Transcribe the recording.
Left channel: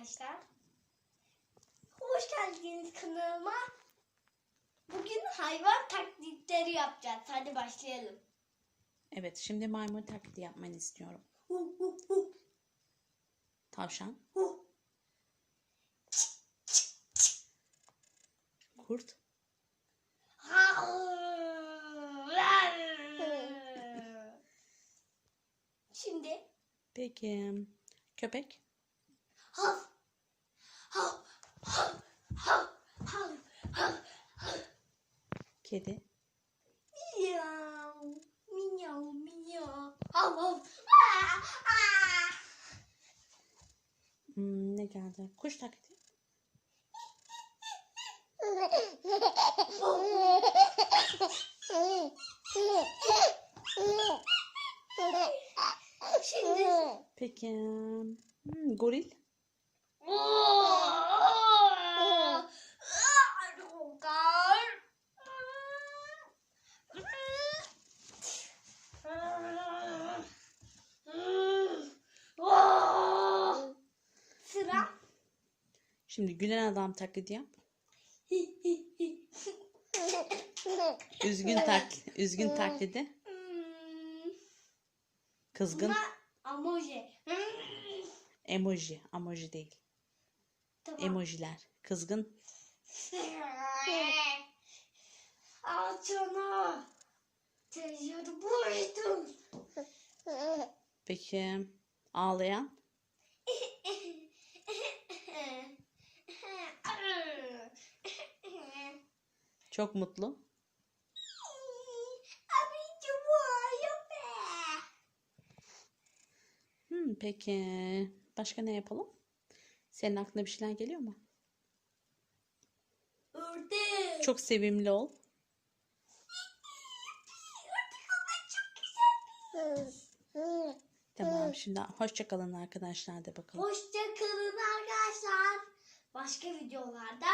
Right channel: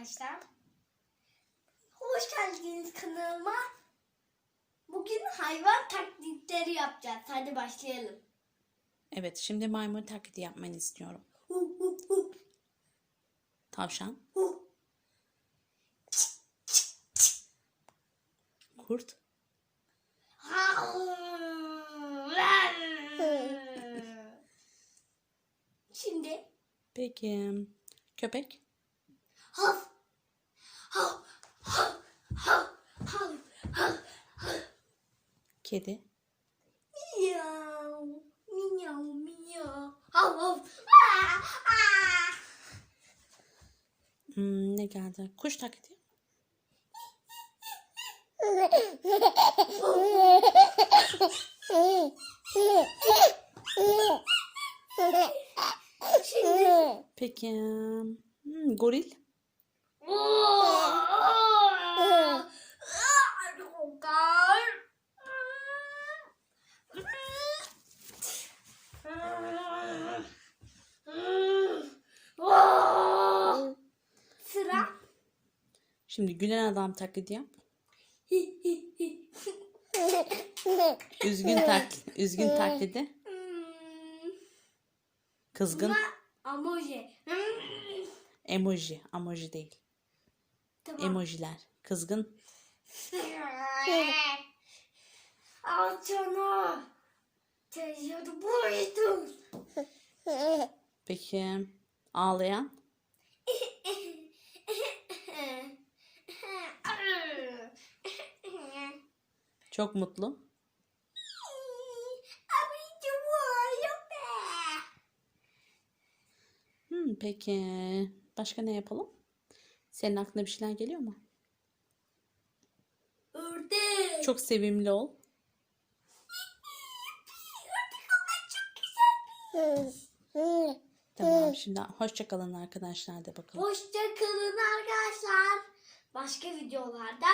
arkadaşlar. Hoş geldiniz kanalıma. Bugün hayvan taklitleri yapacağız. Hadi başlayalım. Evet, şimdi maymun taklidi yapmanı istiyorum. Hu hu hu Tavşan, hu. kurt, Şimdi peki köpek, hav hav hav hav hav hav kedi, miyav miyav miyav. Hav hav. Hmm, ne geldi? Kuş taklidi, peki hmm, goril, Sıra. şimdi gülen adam taklidi yap. Üzgün taklit, üzgün taklidi, kızgın, Emoji. emoji, emoji değil, Tamam. emojiler, kızgın, Al Teyzeni buydum. peki ağlayan, çok mutlu, hmm, peki başka ne yapalım? Senin aklına bir şeyler geliyor mu? Ördek. Çok sevimli ol. Tamam şimdi hoşça kalın arkadaşlar de bakalım. Hoşça kalın arkadaşlar. Başka videolarda